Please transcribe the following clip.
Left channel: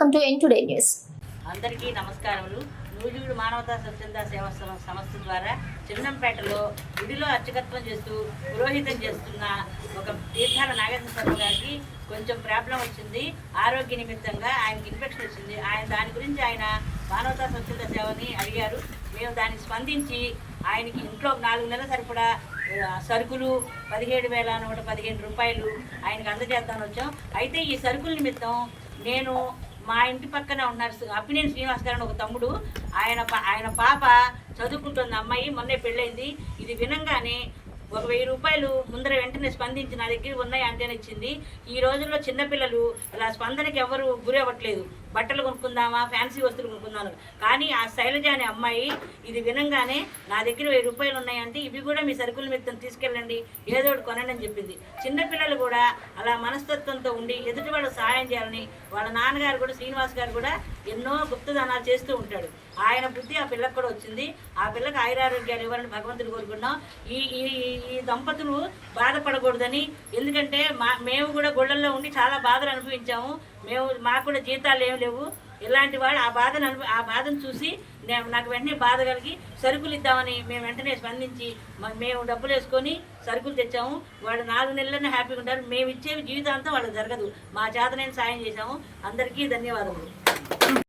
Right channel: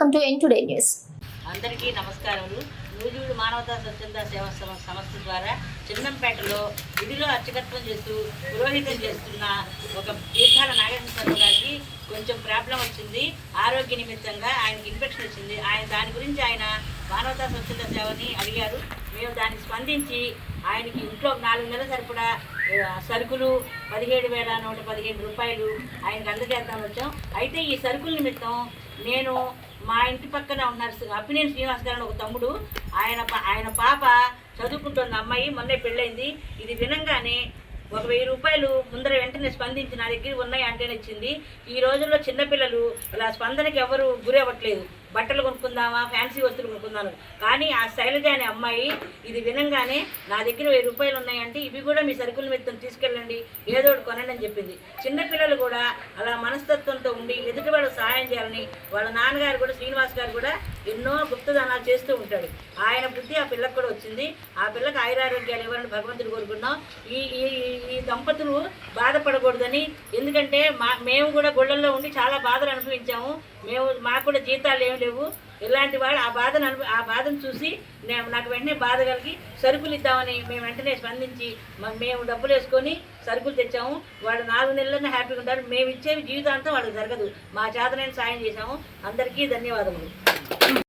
ఎన్ today news అందరికీ నమస్కారములు. నూజివీడు మానవతా స్వచ్ఛంద సేవా సం- సంస్థ ద్వారా చిన్నంపేటలో విధిలో అర్చకత్వం చేస్తూ పురోహితం చేస్తున్న ఒక తీర్థాల నాగేశ్వర గారికి కొంచెం ప్రాబ్లం వచ్చింది. ఆరోగ్య నిమిత్తంగా ఆయనకి ఇన్ఫెక్షన్ వచ్చింది. ఆయన దాని గురించి ఆయన మానవతా స్వచ్ఛంద సేవని అడిగారు. మేము దానికి స్పందించి ఆయనకి ఇంట్లో నాలుగు నెలల సరిపడా సరుకులు పదిహేడు వేల నూట పదిహేను రూపాయలు ఆయనకు అందజేద్దామని వచ్చాం. అయితే ఈ సరుకుల నిమిత్తం నేను మా ఇంటి పక్కన ఉన్నారు అప్పినేని శ్రీనివాస్ గారు అని ఒక తమ్ముడు. ఆయన పా- ఆయన పాప చదువుకుంటున్న అమ్మాయి మొన్నే పెళ్ళైంది. ఇది వినంగానే ఒక వెయ్యి రూపాయలు ముందర వెంటనే స్పందించి నా దగ్గర ఉన్నాయి అంటేనే ఇచ్చింది. ఈ రోజుల్లో చిన్నపిల్లలు ఇలా స్పందనకి ఎవరు గురి అవ్వట్లేదు బట్టలు కొనుక్కుందామా ఫ్యాన్సీ వస్తువులు కొనుక్కుందామా కానీ ఆ శైలజ అనే అమ్మాయి ఇది వినంగానే నా దగ్గర వెయ్యి రూపాయలు ఉన్నాయంటే ఇవి కూడా మీ సరుకుల మీద తీసుకెళ్ళండి ఏదో ఒకటి కొనండి అని చెప్పింది. చిన్నపిల్లలు కూడా అలా మనస్తత్వంతో ఉండి ఎదుటి వాళ్ళకి సహాయం చేయాలని వాళ్ళ నాన్నగారు కూడా శ్రీనివాస్ గారు కూడా ఎన్నో గుప్తదానాలు చేస్తూ ఉంటాడు. ఆయన బుద్ధి ఆ పిల్లకు కూడా వచ్చింది. ఆ పిల్లకి ఆయురారోగ్యాలు ఇవ్వాలని భగవంతుడు కోరుకున్నాం. ఈ ఈ ఈ- ఈ దంపతులు బాధపడకూడదని ఎందుకంటే మా మేము కూడా గుళ్ళల్లో ఉండి చాలా బాధలు అనుభవించాము. మేము మాకు కూడా జీతాలు ఏమి లేవు ఇలాంటి వాడు ఆ బాధను అను ఆ బాధను చూసి నేను నాకు వెంటనే బాధ కలిగి సరుకులు ఇద్దామని మేము వెంటనే స్పందించి మేము డబ్బులు వేసుకొని సరుకులు తెచ్చాము. వాళ్ళు నాలుగు నెలలనే హ్యాపీగా ఉంటారు. మేము ఇచ్చేవి జీవితాంతం వాళ్ళకి జరగదు. మా చేతనైన సాయం చేశాము. అందరికీ ధన్యవాదములు.